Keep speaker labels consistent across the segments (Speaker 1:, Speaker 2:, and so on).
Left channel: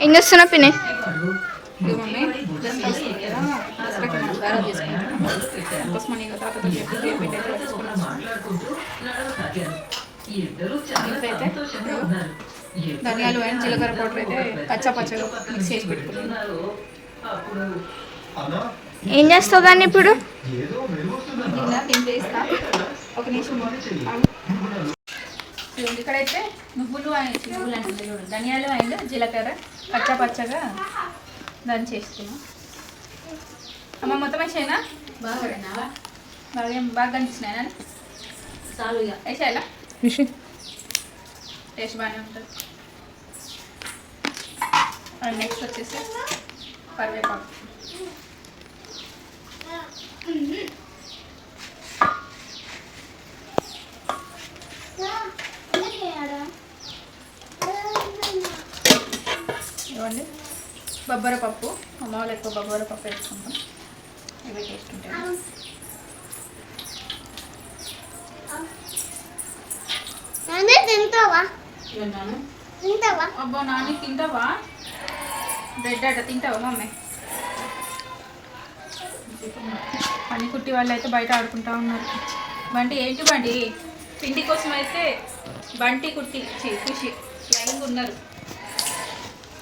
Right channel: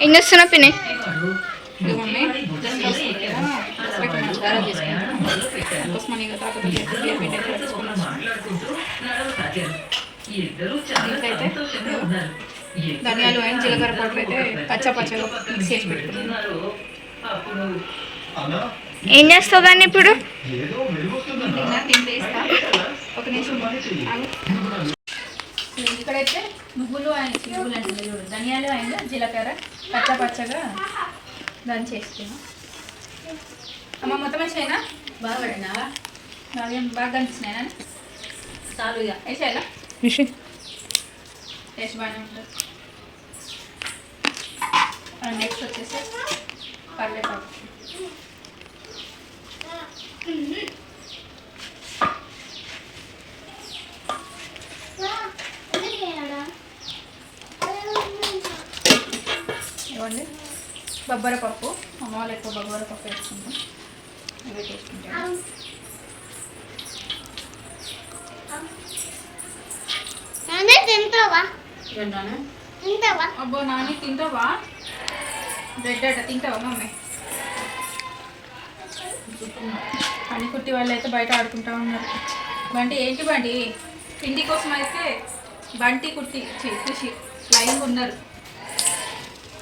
Speaker 1: ఏం చేస్తున్నా పిన్ని?
Speaker 2: ధనియాలు అండ్ జీలకర్ర పౌడర్ అయితే పచ్చ పచ్చగా మిక్స్ చేసి పెట్టుకున్నాను.
Speaker 1: ఏం చేస్తావు దాన్ని ఇప్పుడు?
Speaker 2: ఒక నిమిషం ఇక్కడైతే నువ్వులు అండ్ నువ్వులు అంటే చూడండి ధనియాలు అండ్ జీలకర్ర పచ్చ పచ్చగా దాన్ని చేస్తున్నాం అమ్మ మొత్తం వేసేనా
Speaker 3: బాగా
Speaker 2: బాగా బాగా కనిపిస్తున్నాయి
Speaker 3: చాలు ఇక.
Speaker 2: వేసేయాలా టేస్ట్ బాగానే ఉంటుంది. అండ్ నెక్స్ట్ వచ్చేసి కరివేపాకు బొబ్బర పప్పు అమ్మ వాళ్ళు ఎక్కువ బొబ్బర పప్పు వేసుకుంటాం. ఇవే ఉంటాయి
Speaker 1: తింటావా? తింటావా?
Speaker 2: అబ్బో నాని తింటావా? బ్రెడ్ అట తింటావా మమ్మీ? పని కుట్టి వాళ్ళు అయితే బయట ఆడుకుంటా ఉన్నారు. బంటి ఏంటి బండి? పిండి కోసం అయితే బంటి కుట్టి ఖుషి లైన్ ఉన్నారు.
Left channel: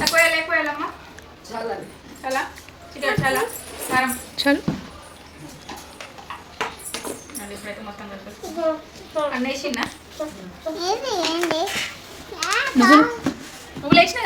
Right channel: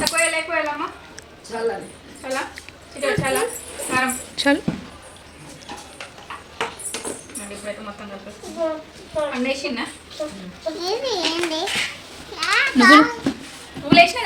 Speaker 2: తక్కువ వేయాలి, ఎక్కువ వేయాలమ్మా
Speaker 3: చాలా.
Speaker 2: చాలా? చికెన్ చాలా. కారం
Speaker 1: చాలు.
Speaker 2: అండి ఇప్పుడైతే మొత్తం కలిపేసి అన్నేసిందా
Speaker 1: నువ్వులు
Speaker 2: నువ్వు లేచినా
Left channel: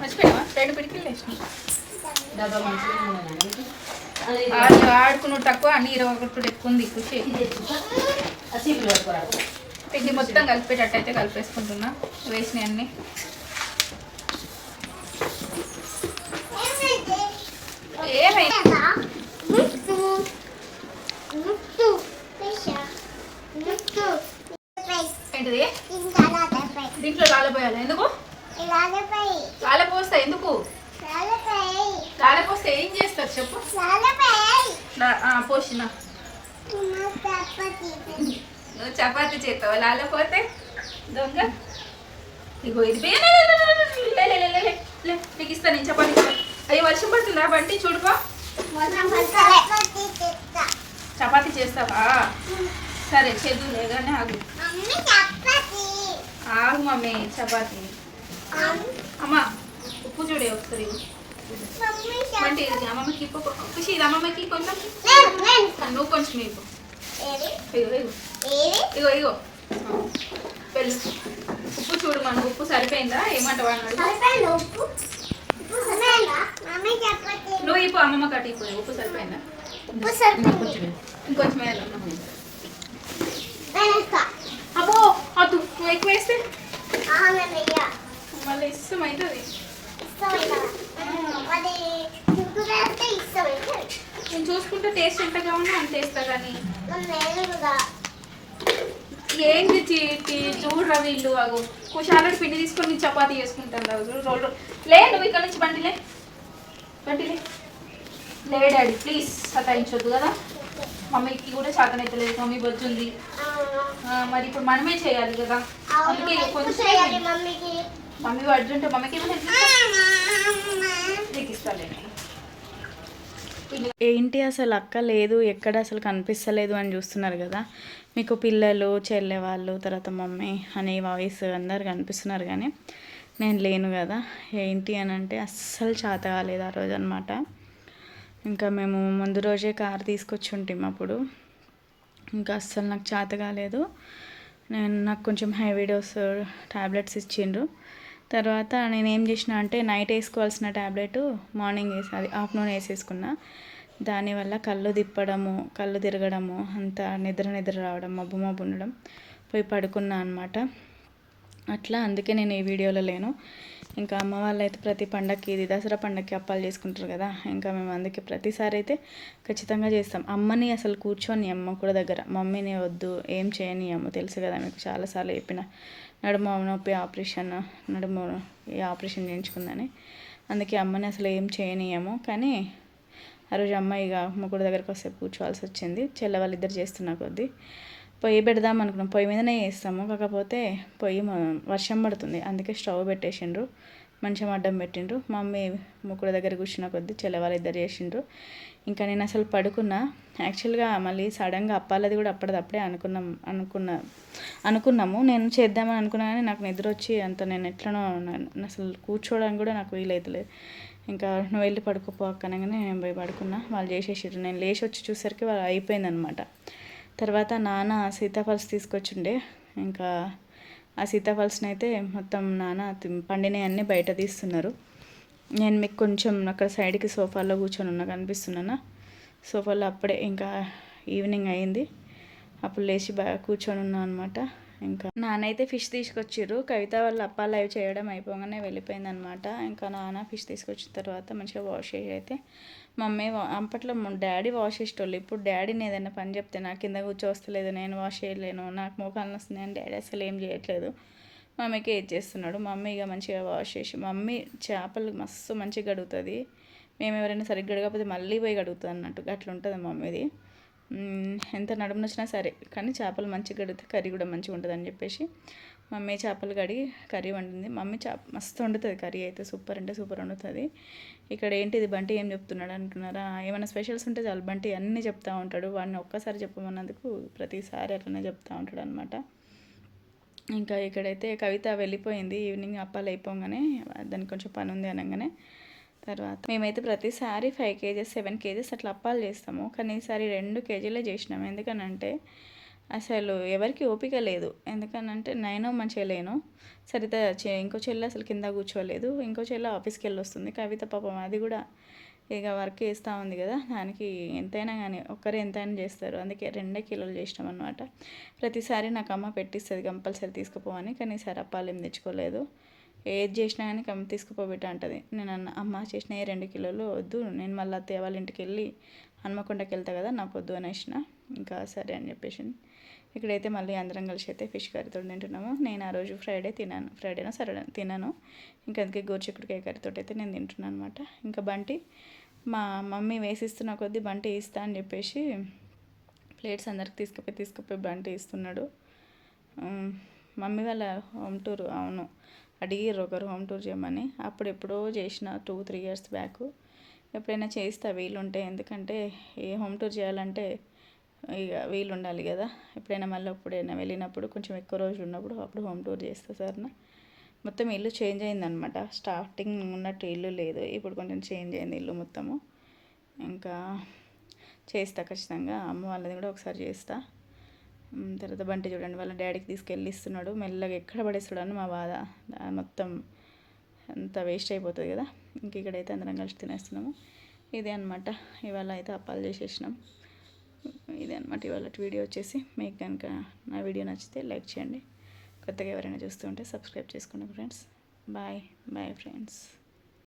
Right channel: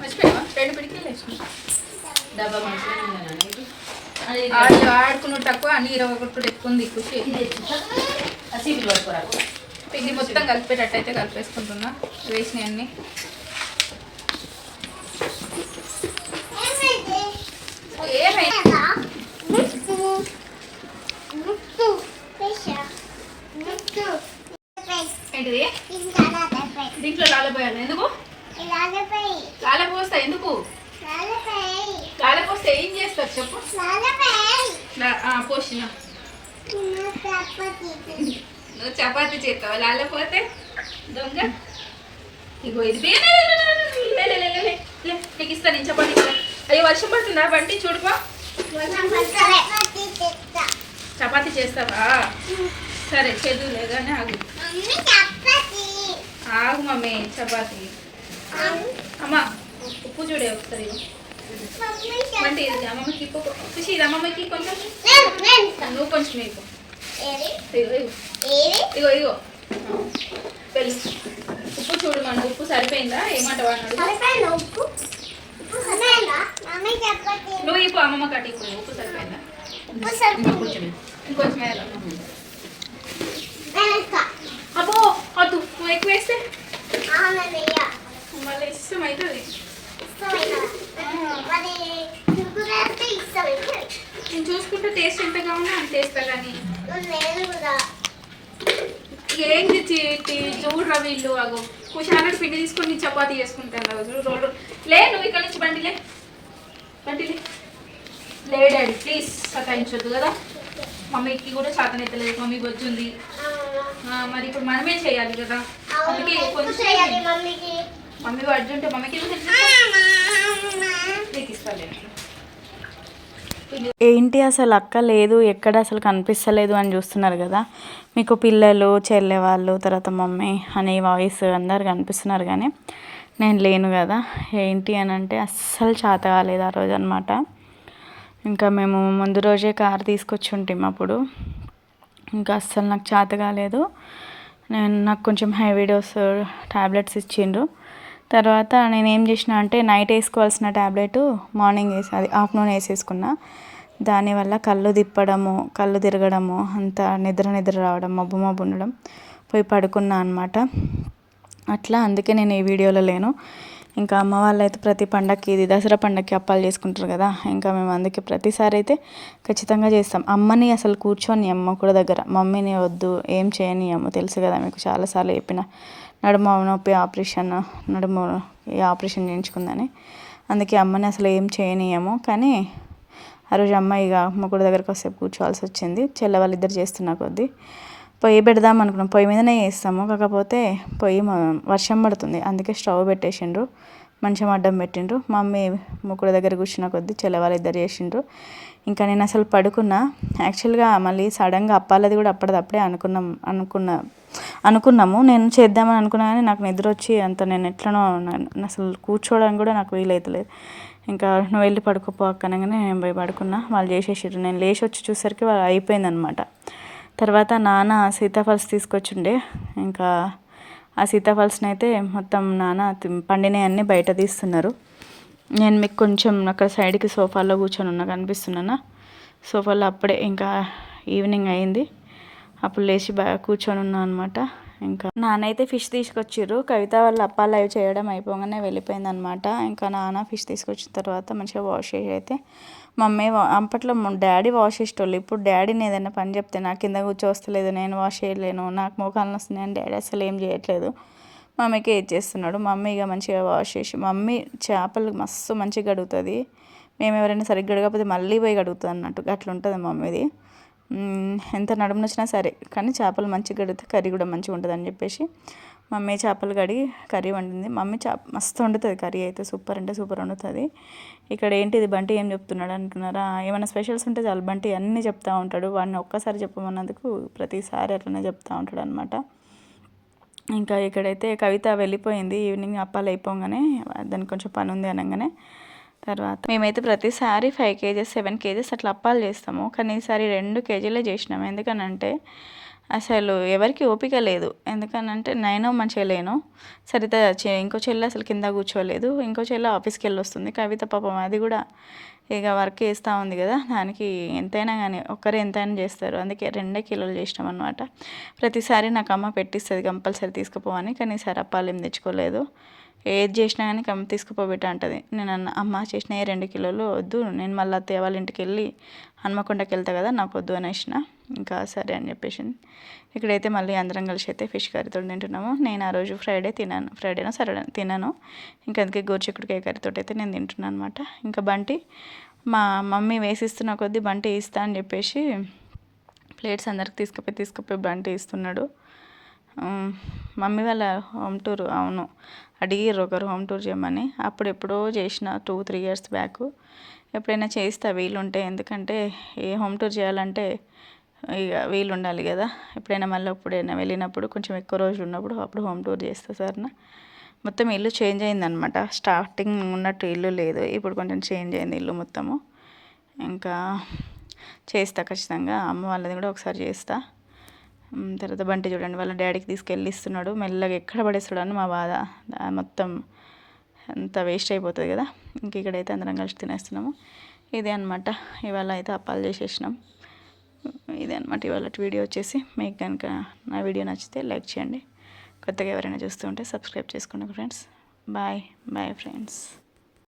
Speaker 2: మర్చిపోయావా రెండు పిడికిలు లేచినా ఆడు ఆడుకున్నాడు తక్కువ అన్ని ఇరవై ఒకటి ఎక్కువ ఉంది
Speaker 3: పట్టుకోరా.
Speaker 2: పిండి మొత్తం కలిపేటట్టు అయితే కలిపేసుకుంటున్నా. వేసినాయి ఏంటిది దీంట్లో ఏం చపాతి చేస్తావు లాలపోతే దొంగ ఇగో ఇది నీకు ఇస్తా నేను చపాతి అయ్యో వర్షం పడుతుందా? బంటి చూడుకో. చపాతి చేస్తావా? సరే చేదు కానీ ఆగు. ఆగు మమ్మీ చపాతి. అమ్మా ఉప్పు చూడే ఒకసారి. ఇవ్వు. ఇది అమ్మమ్మకి ఖుషి ఇది అమ్మమ్మకి కొంచెం. నువ్వు కొంచెం ఇగో ఇగో ఇగో. ఇగో ఉప్పు చూడు మన ఉప్పు సరిపోయిందా? ఏమంటావా నువ్వు ఇప్పు అమ్మమ్మ కట్టి ఇప్పు ఉప్పు సరిపోయిందా? ఇంకొంచెం వేయాలా? అబ్బో అద్దు నువ్వు ఎక్కువ వేస్తే? మళ్ళీ ఇష్టం అవుతుంది నేను చూసుకుంటే టేస్ట్ ఎంతగా ఉంది అంత టేస్తా కానీ ఏంటి చీటి చూడరా వీళ్ళు అగో. కుషాలకి పిండి తీసుకొని చపాతీ చేసుకుంటాను చూడు రోల్ రోల్. లే నువ్వు ఇక్కడ నుంచి బండిలే బండిలే లే డాడీ ప్లీజ్ సతాయించొద్దు కదా. మమ్మీకి కూడా చేతనెత్తలేదు మమ్మీ ఆ, మరి ఇప్పుడు మనమే చేయాలి కదా. అందుకే కొంచెం మమ్మీ వడ్డుంటే మమ్మీకి నీకు ఇస్తాను
Speaker 4: ఏంటి అసలు అక్క లేదు ఎక్కడ అసలు కనిపిస్తలేదు అని చూస్తున్నారు కదా. మీకు పిల్లలు చెల్లె వాళ్ళు తర్వాత మమ్మీ అనే వాయిస్ అందరు కనిపిస్తున్నారు కానీ నేను లేను కదా ఏంటి అని అంటే అస్సలు చేత కాలేదు ఆ రోజు అనమాట ఇంకా మేము ముందు రోజే కార్ తీసుకొచ్చి ఉంటాం అప్పుడు. ఇంకా అస్సలు నాకు చేత కాలేదు. నేను నాకు కొంచెం హెవీ డోస్ టాబ్లెట్స్ ఇచ్చిండ్రు. తర్వాత నేను ఏం చేసిన అంటే నైట్ వేసుకోవాల్సిన టాబ్లెట్ మార్నింగ్ వేసి అది ఆఫ్టర్నూన్ వేసేసుకున్నా. దానివల్ల కళ్ళు తిప్పడము కళ్ళు తిరగడము అంత నిద్ర నిద్ర రావడం మబ్బు మబ్బు ఉండడం పోయి పడుకున్నా అనమాట అట్లా అందుకే నేను ఈ వీడియోలో లేను. ఇంకా అమ్మ వాళ్ళు అయితే ప్రతి పండగకి ఇది దసరా పండగకి అప్పాలు చేసుకుంటారు కదా ఇంకా మేము అందుకే ప్రతిసారి అయితే ఖచ్చితంగా చేస్తాం. అమ్మని అసలు కూర్చొని అమ్మ కూడా దగ్గర మమ్మీని వద్దు ఏం చేయని అమ్మ తెలుసు కదా మీకు చాలాసార్లు చెప్పిన నడుము నొప్పి ఆపరేషన్ నడుము ఈ ఆపరేషన్ చేయించుకుందని. అందుకే అమ్మని అసలు ఏం చేయనీయము కానీ ఆ రోజు అమ్మ ఇక మొక్కుడు దగ్గరకు వస్తే కూర్చోవాల్సి వచ్చింది. చెల్ల వాళ్ళిద్దరు చేస్తున్న కొద్దీ పొయ్యి పెడదాం అనుకున్నాం. పొయ్యి మీదనే వేస్తాము కాకపోతే పొయ్యి మ- వర్షం పడుతుంది. అందుకే స్టవ్ పెట్టేసిండ్రు. మంచం అడ్డం పెట్టిండ్రు. మమ్మీ ముక్కుడు దగ్గర కూర్చున్న కొద్దీ చెల్లవాళ్ళు ఇద్దరు చేసిండ్రు. ఇంకా నేను అసలు పడుకున్నా. యాక్చువల్గా మళ్ళీ సడన్గా అప్పాలది కూడా అప్పటిదప్పుడే అనుకున్నాం అనుకున్న అనుకున్నాము. నేను చేద్దామని అనుకున్నా కానీ నాకు నిద్ర వచ్చి అంత నేను ఎట్లనో అసలు కూర్చోవడానికి కూడా నాకు వీలైతలేదు. ఇంకా నువ్వు వెళ్ళి పడుకోపో అక్కనగానే నేను పోయి పడుకున్నా. వాళ్ళు చేసేసారు నేను లేచి వచ్చి చూసరికి వాళ్ళు అయిపోయిందనమాట. తర్వాత నాన్న సీతాఫల్స్ తీసుకొచ్చిండే. ఇంకా ఆ సీతాఫల్స్ని అయితే మొత్తం నాన్న పండినవన్నీ పండినవి అన్నీ బయట తీస్తున్నారు. నేను మీకు కొంచెం అక్కడ సైడ్కి సోఫాలో కూర్చొని ఉన్నా కనిపిస్తున్నానా? సోఫాలో అప్పుడే ఇంకా ఈవినింగ్ అయింది. అప్పుడు లేచి బా కూర్చొని ఉన్నా అనమాట ఇంకా నాన్నైతే ఫిష్ తీసుకొచ్చిర్రు. కవిత వాళ్ళ అప్పాలు అవి చేయడం అయిపోగానే వెళ్ళిపోయింది అనమాట ఇంకా నాన్న ఫిష్ తీసుకొచ్చిన తర్వాత మంచిగా వాష్ చేసి అయితే మమ్మీ అప్పట్లో డాడీ వాష్ చేసేటోళ్ళు. ఇప్పుడు డాడీని ఏదైనా పని చెప్తే నాకు కింద కూర్చోవస్తలేదు నేను వాష్ చేయలేను నాకు మోకాలను వస్తున్నాయని డాడీ అసలు ఏం చేయట్లేదు. మమ్మీకి ఏది చేస్తున్నాడు? మమ్మీ ఇక మంచిగా వాష్ చేసి మమ్మీ చేపలు మస్తు మంచిగా కడుగుతుంది. మేము ఎవరైనా సరిగ్గా కడగకపోతే మళ్ళీ పోయి కడుగుతుంది అన్నట్టు అట్లా ఉంటుంది మమ్మీది. ఎంత నడుము నచ్చినా సరే కానీ చేపలు మంచిగా కడిగితే కర్రీ కూడా మంచిగా ఉంటుంది అని చెప్పేసి మమ్మీ చేపలు కడిగి కర్రీ వండింది. మమ్మీ చేప మస్తు వండుతుంది కర్రీ అయితే సూపర్ అంటే సూపర్ వండుతుంది. ఇక్కడ ఏంటిది బంటి ఏం చెప్తున్నాడు అంటున్నారా? ఏమైనా స్పెషల్స్ ఉంటే చాలు బంటి అన్నీ చెప్తూ ఉంటాడు. వాడిని ఒక్కసారి చెప్పమన్నందుకు ప్రతిసారి అట్లనే చెప్తూ ఉంటాడు అనమాట ఇంకా ఇక్కడైతే కవిత వెళ్ళిపోయింది ఈవినింగ్ అప్పాలు అయిపోగానే దానికి కొంచెం పని ఉంది అనగానే. తర్వాత మేమైతే ప్రతిసారి ఫైవ్ కేజెస్ సెవెన్ కేజెస్ అట్లా అప్పాలు చేస్తాము. కానీ ఈసారి రెండు కేజీలే చేసినాము ఎందుకనంటే అసలు ఎవరికి ఓపిక లేదు. ఎందుకనంటే నేను మంచిగా లేను సరిత ఇంకో చెల్లి అసలు కింద కూర్చోలేదు. ఇంకో చెల్లి ఆఫీస్కి వెళ్ళి వస్తుంది కవిత పాపం అది కూడా ఇక వర్క్ చేస్తూ ఉంది కదా. దానికి ఎంతైనా కానీ ఒక్కరే ఎంతైనా చేస్తారు. అందుకే రెండే కిలోలు చేసినాం అనమాట ప్రతిసారి నాకు అమ్మ పెట్టిస్తుంది కంపల్సరీ తీసుకుపోవని. కానీ ఈసారి అప్పాలు ఏం తెచ్చుకోలేదు. ఏది చేసినా కానీ కమ్మ తీసుకుపోబెట్ట అంటది. నేను అన్న అమ్మ చేసిన ఏ రెండు కిలోలు వద్దు. నేను మళ్ళీ అత్తయ్య వాళ్ళ ఇంటికి వెళ్ళి హనుమకొండకి వెళ్తా కదా నాకు వద్దు అనేసిన. ఇంకా సరే అని చెప్పేసి ఇక్కడైతే మళ్ళీ అందరం కలిసి అయితే ఫిష్ కర్రీతో తింటున్నాము. నేను ఆ రోజు ఫ్రైడే తిన్నాను ఫ్రైడేనా సరే తిన్నాను ఇంకా అందుకే గోరుచిక్కుడుకాయ కర్రీతో అయితే నేను తింటున్నాను అనమాట ఇంకా బంటి మా మమ్మీ వేసిస్తున్న కొద్దీ బంటి ఇస్తా అని చెప్పేసి ప్లేట్స్ అందరికి తీసుకుపోయి తీసుకుపోయి బంటి ఇస్తున్నాడు. మమ్మీ వాళ్ళ హోమ్ టూర్ అవును. అడిగిర్రు ఒకరు హోమ్ టూర్ చేయమని. అప్పుడు ఎప్పుడో చేసిన టూ త్రీ ఇయర్స్ బ్యాక్. ఎప్పుడైనా చేస్తా వీలుంటే. ఎందుకంటే ఏ హోమ్ టూర్ చేయాలంటే ఇక వీలు ఉండాలి కదా. ఎప్పుడైనా మళ్ళీ ఎప్పుడైనా వెళ్ళినప్పుడు కొంచెం ఎక్కువ రోజులు ఉన్నప్పుడు అప్పుడు హోమ్ టూర్ చేస్తా సార్న. మొత్తం ఇల్లు చేంజ్ అయిందనమాట స్టార్టింగ్ ఉన్నట్టు ఇల్లు లేదు. ఇప్పుడు కొంచెం చేంజ్ అయింది ఇల్లు మొత్తము. ఇంకా చేస్తా ఖచ్చితంగా. అమ్మ వాళ్ళది కూడా ఒకసారి చేస్తా. తర్వాత బంటి చూడండి వాళ్ళ డాడీకి తీసుకెళ్ళి ఇస్తున్నాడు. మెల్లగా ఎక్కడ పడేస్తాడు అని మా బాధ. మొత్తం అంత వేస్ట్ అయిపోతుంది కదా. ఇంక ఇక్కడైతే అందరం కలిసి తినేస్తున్నాము. ఇదే అనమాట ఇవాళ అయితే అప్పాలు చేసేసినాం. ఇదే అనమాట ఇవాళ వీడియో వచ్చేసి. మీకు కనుక నా వీడియో నచ్చితే లైక్ చేయండి. కొత్తగా ఎవరైనా చూస్తూ ఉంటే సబ్స్క్రైబ్ చేసుకోండి ఫ్రెండ్స్. Bye bye friends.